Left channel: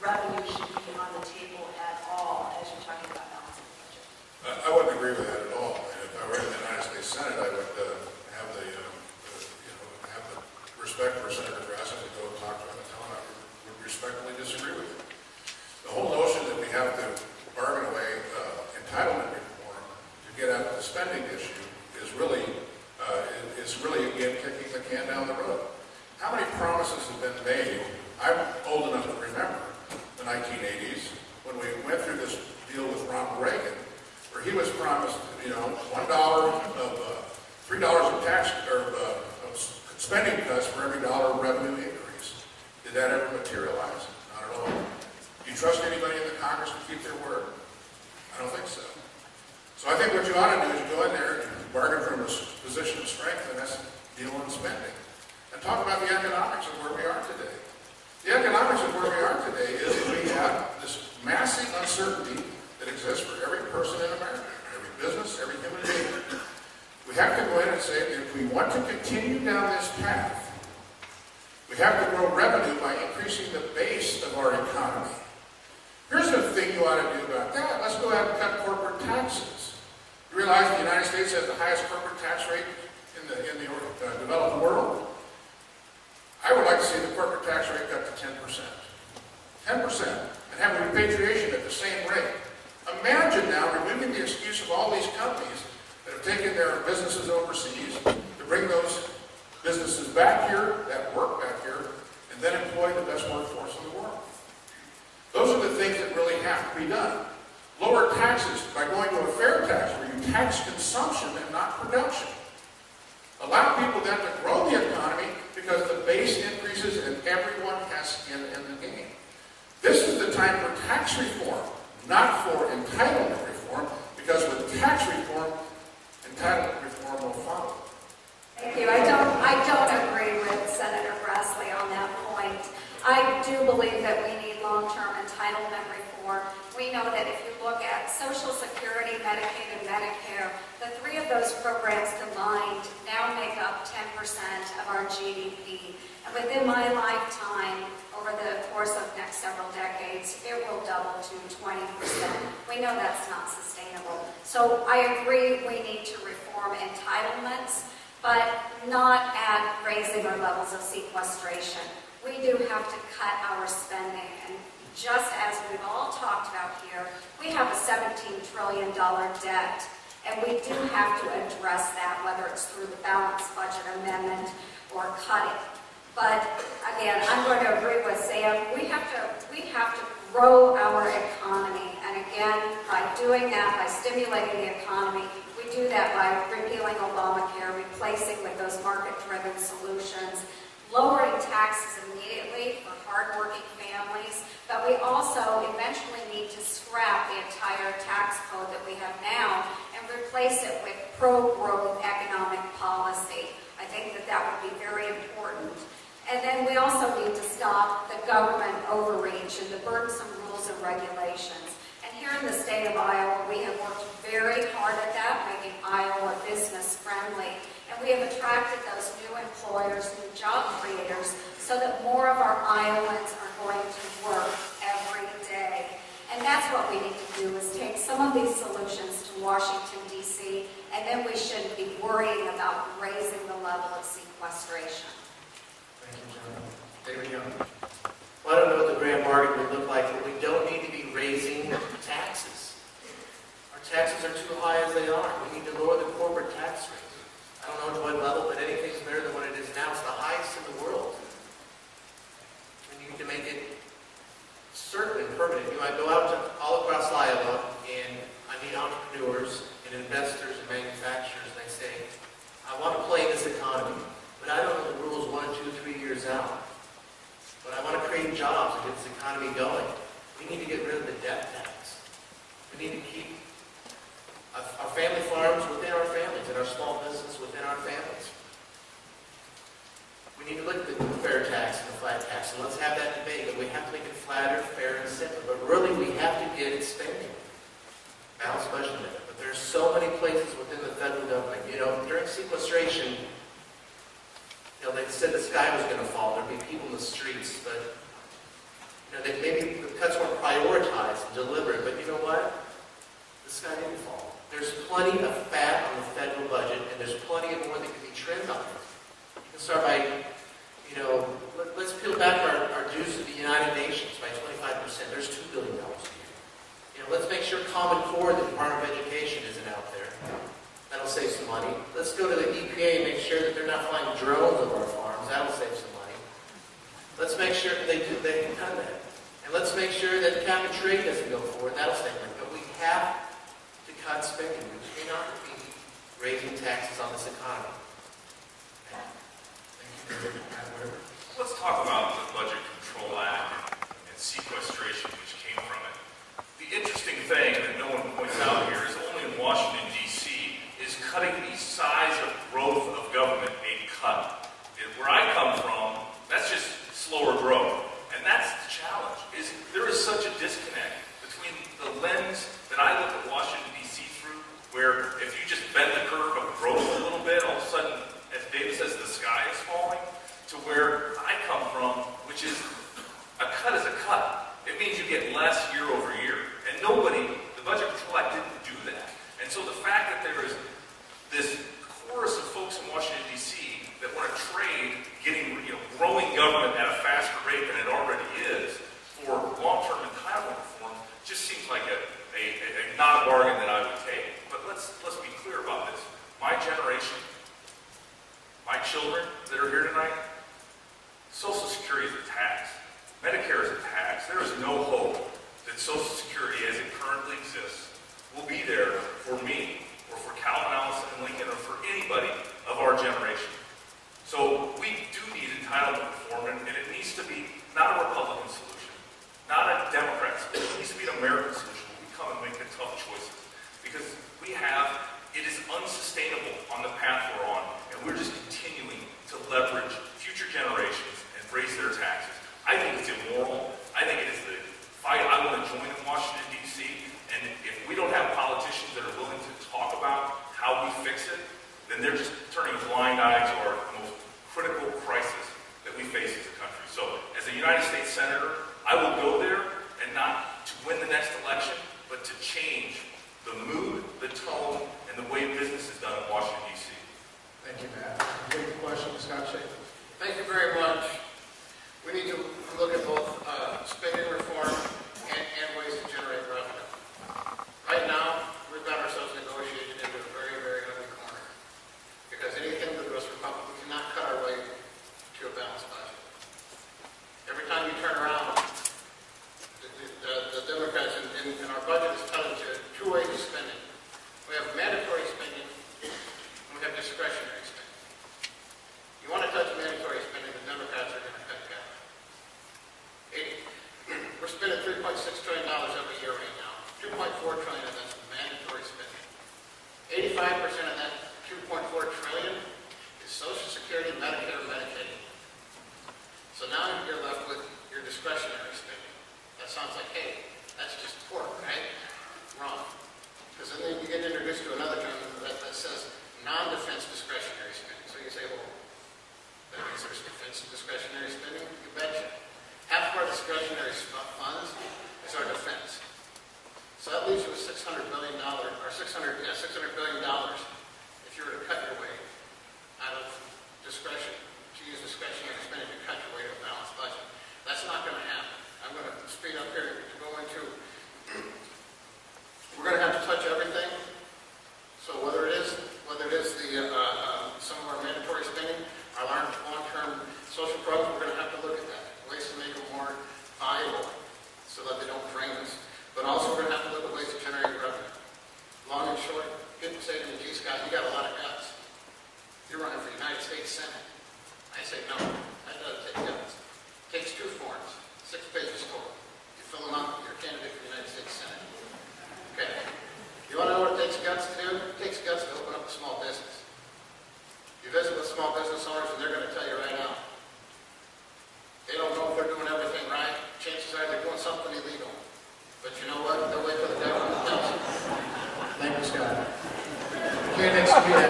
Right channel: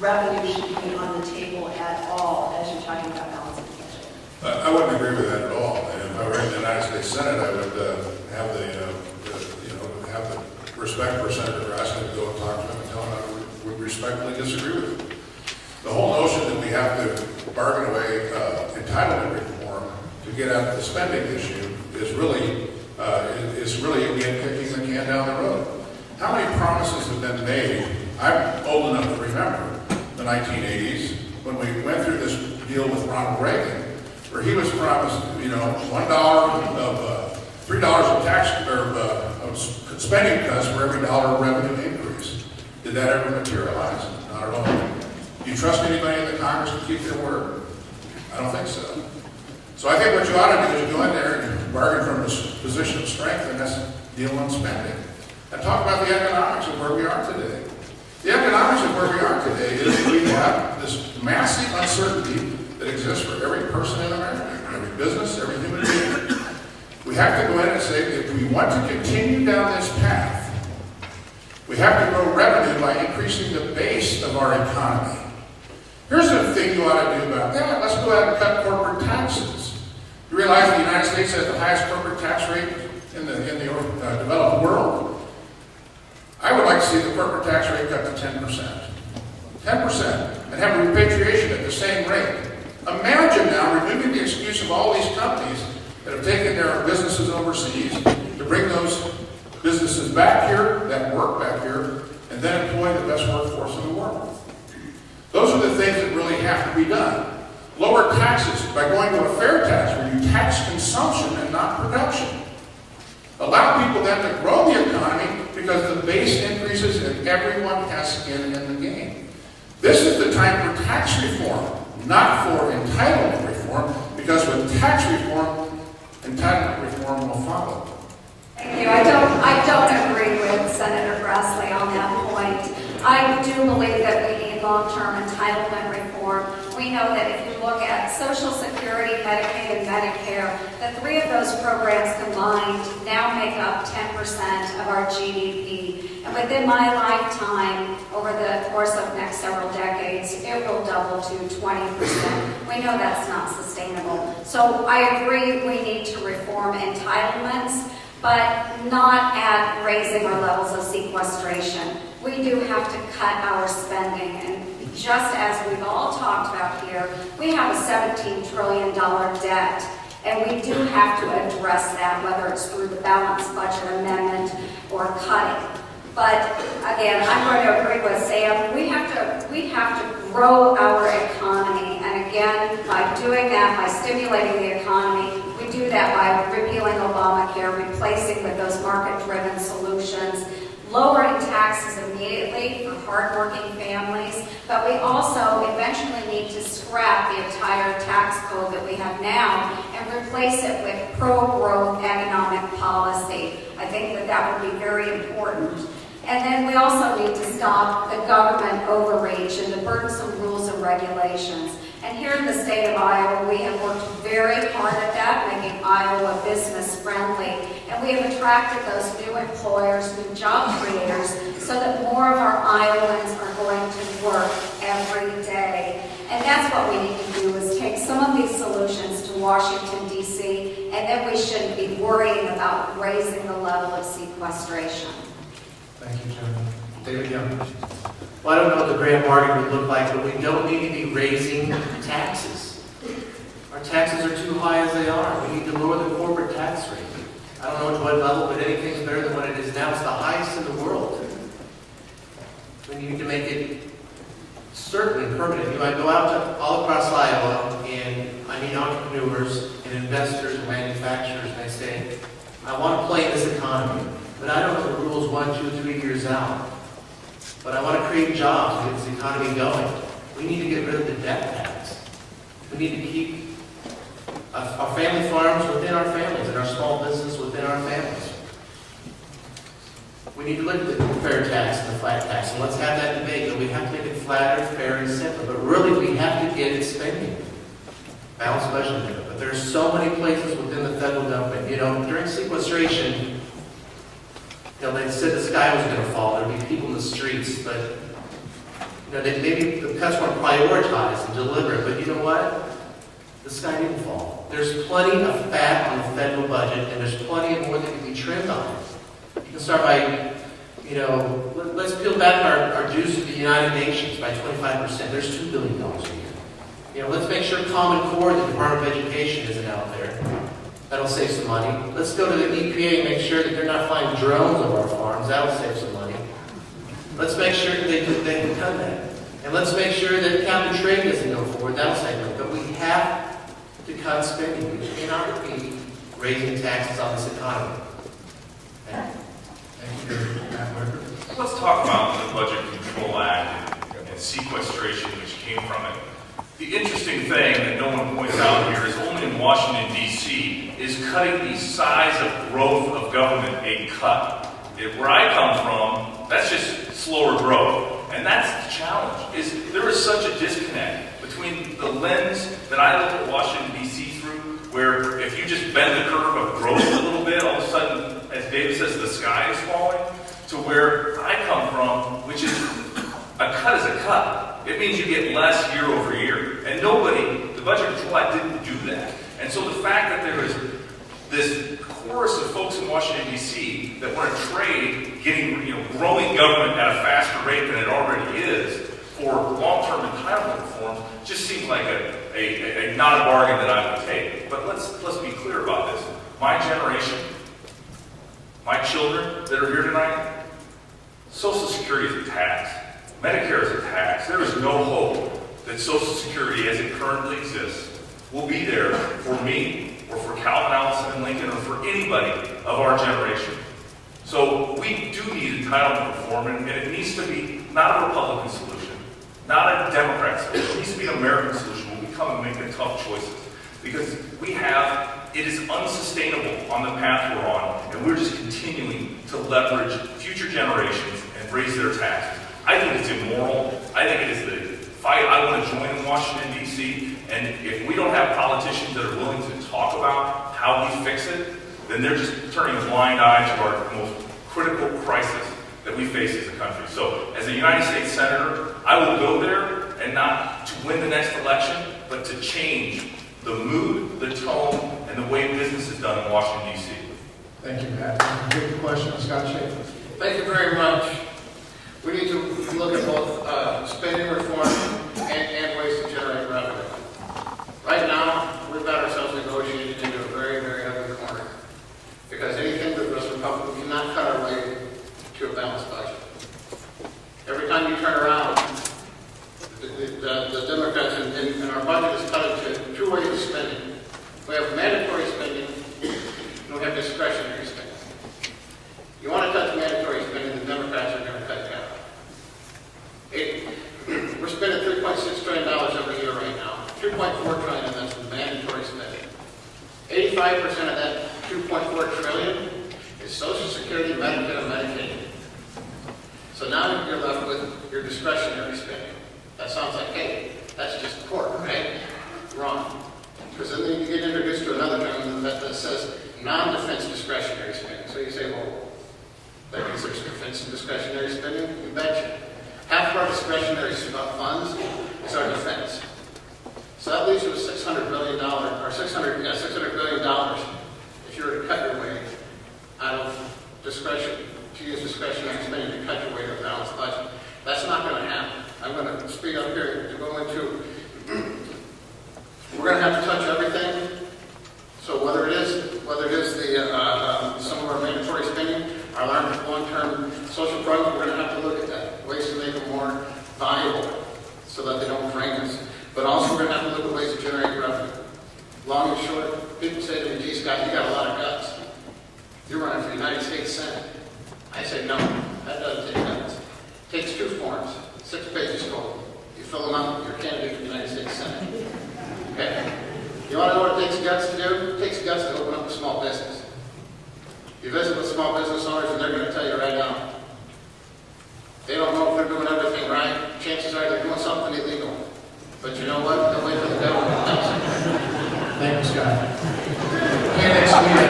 revenue should be on the table at all as you're talking about balancing the budget. I wouldn't agree with that at all. And if I were in the United States Senate, I would have have the respect for Senator Grassley to go and talk to him and tell him I would respectfully disagree with him. The whole notion that we have to bargain away entitlement reform to get at the spending issue is really again kicking the can down the road. How many promises have been made? I'm old enough to remember the 1980s when we went through this deal with Ronald Reagan, where he was promised, $1 of $3 of tax or of spending cuts for every dollar of revenue increase. Did that ever materialize? Not at all. Do you trust anybody in the Congress to keep their word? I don't think so. So I think what you ought to do is you go in there and bargain from a position of strength, and that's deal on spending. And talk about the economics of where we are today. The economics of where we are today is that we have this massive uncertainty that exists for every person in America, every business, every human being. We have to go in and say that if we want to continue down this path, we have to grow revenue by increasing the base of our economy. Here's the thing you ought to do about that. Let's go ahead and cut corporate taxes. You realize the United States has the highest corporate tax rate in the developed world? I would like to see the corporate tax rate cut to 10%. 10%, and have repatriation at the same rate. Imagine now removing the excuse of all these companies that have taken their businesses overseas to bring those businesses back here, that work back here, and then employ the best workforce in the world. Those are the things that really have to be done. Lower taxes by going to a fair tax where you tax consumption and not production. Allow people then to grow the economy because the base increases and everyone has skin in the game. This is the time for tax reform, not for entitlement reform, because with tax reform, entitlement reform will follow. Thank you. I don't agree with Senator Grassley on that point. I do believe that we need long-term entitlement reform. We know that if you look at Social Security, Medicaid, and Medicare, the three of those programs combined now make up 10% of our GDP. And within my lifetime, over the course of next several decades, it will double to 20%. We know that's not sustainable. So I agree we need to reform entitlements, but not at raising our levels of sequestration. We do have to cut our spending, and just as we've all talked about here, we have a $17 trillion debt, and we do have to address that, whether it's through the balanced budget amendment or cutting. But again, I'm going to agree with Sam. We have to grow our economy, and again, by doing that, by stimulating the economy, we do that by repealing Obamacare, replacing with those market-driven solutions, lowering taxes immediately for hardworking families, but we also eventually need to scrap the entire tax code that we have now and replace it with pro-growth economic policy. I think that would be very important. And then we also need to stop the government overreach and the burdensome rules and regulations. And here in the state of Iowa, we have worked very hard at that, making Iowa business friendly. And we have attracted those new employers, new job creators, so that more of our Iowans are going to work every day. And that's what we need to do, is take some of these solutions to Washington, D.C., and then we shouldn't be worrying about raising the level of sequestration. Thank you, John. David Young. Well, I don't know what the grand bargain would look like, but we don't need to be raising taxes. Our taxes are too high as they are. We need to lower the corporate tax rate. I don't know to what level, but anything's better than what it is now. It's the highest in the world. We need to make it certain and permanent. You know, I go out to all across Iowa, and I meet entrepreneurs and investors and manufacturers, and I say, I want to play in this economy, but I don't know the rules 1, 2, 3 years out. But I want to create jobs and get this economy going. We need to get rid of the debt tax. We need to keep our family farms within our families and our small business within our families. We need to look at the fair tax and the flat tax, and let's have that debate. But we have to make it flatter, fair, and simple. But really, we have to get it spending. Balanced budget there. But there's so many places within the federal government. You know, during sequestration, you know, they said the sky was going to fall. There'd be people in the streets, but that maybe the cuts weren't prioritized and deliberate, but you know what? The sky didn't fall. There's plenty of fat on the federal budget, and there's plenty of more that can be trimmed on it. You can start by, let's peel back our dues to the United Nations by 25%. There's $2 billion a year. Let's make sure Common Core, the Department of Education, isn't out there. That'll save some money. Let's go to the EPA and make sure that they're not flying drones over our farms. That'll save some money. Let's make sure that they've done that. And let's make sure that cap and trade doesn't go forward. That'll save money. But we have to cut spending. We cannot be raising taxes on this economy. Okay? Thank you, Matt Whitaker. Let's talk about the Budget Control Act and sequestration which came from it. The interesting thing that no one points out here is only in Washington, D.C. is cutting the size of growth of government a cut. Where I come from, that's just slower growth. And that's the challenge, is there is such a disconnect between the lens that I look at Washington, D.C. through, where if you just bend the curve of growth a little bit, all of a sudden, as David says, the sky is falling, to where I come from, which is a cut is a cut. It means you get less year over year. And the Budget Control Act didn't do that. And so the fact that there is this chorus of folks in Washington, D.C. that want to trade growing government at a faster rate than it already is for long-term entitlement reform just seems like a not a bargain that I would take. But let's be clear about this. My generation, my children that are here tonight, Social Security is a tax. Medicare is a tax. There is no hope that Social Security as it currently exists will be there for me or for Calvin Allison and Lincoln or for anybody of our generation. So we do need entitlement reform, and it needs to be not a Republican solution, not a Democrat solution. It needs to be an American solution where we come and make the tough choices. Because it is unsustainable on the path we're on, and we're just continuing to leverage future generations and raise their taxes. I think it's immoral. I think it is the fight I want to join in Washington, D.C. And if we don't have politicians that are willing to talk about how we fix it, then they're just turning a blind eye to our most critical crisis that we face as a country. So as a United States Senator, I will go there and not to win the next election, but to change the mood, the tone, and the way business is done in Washington, D.C. Thank you, Matt. Quick question, Scott Schaefer. Thank you very much. We need to look at both spending reform and ways to generate revenue. Right now, we've got ourselves negotiated into a very, very ugly corner. Because anything that was Republican, we cannot cut our way to a balanced budget. Every time you turn around, the Democrats and our budget is cut into two ways of spending. We have mandatory spending, and we have discretionary spending. You want to touch mandatory spending, the Democrats are going to cut down. We're spending $3.6 trillion every year right now. $2.4 trillion of that's mandatory spending. 85% of that $2.4 trillion is Social Security, Medicare, and Medicaid. So now you're left with your discretionary spending. That sounds like, hey, that's just pork, right? Wrong. Because then you get introduced to another term that says non-defense discretionary spending. So you say, well, that means there's defense and discretionary spending? You betcha. Half of our discretionary funds is our defense. So that leaves you with $600 billion, or $600 billion if you were to cut your way out of discretion, to use discretionary spending to cut your way to a balanced budget. That's not going to happen. I'm going to speed up here to go into, we're going to have to touch everything. So whether it is some of our mandatory spending, our long-term social programs, we're going to have to look at that, ways to make them more valuable so that they don't drain us. But also we're going to have to look at ways to generate revenue. Long and short, people say to me, gee, Scott, you got a lot of guts. You're running for United States Senate. I say, no, that doesn't take guts. It takes 2 forms, 6 pages total. You fill them out, you're a candidate for the United States Senate. Okay. You want to know what it takes guts to do? It takes guts to open up a small business. You visit with small business owners and they're going to tell you right now, they don't know if they're doing everything right. Chances are they're doing something illegal. But you know what? They'll wait till the government tells them. Thank you, Scott. Okay, next week.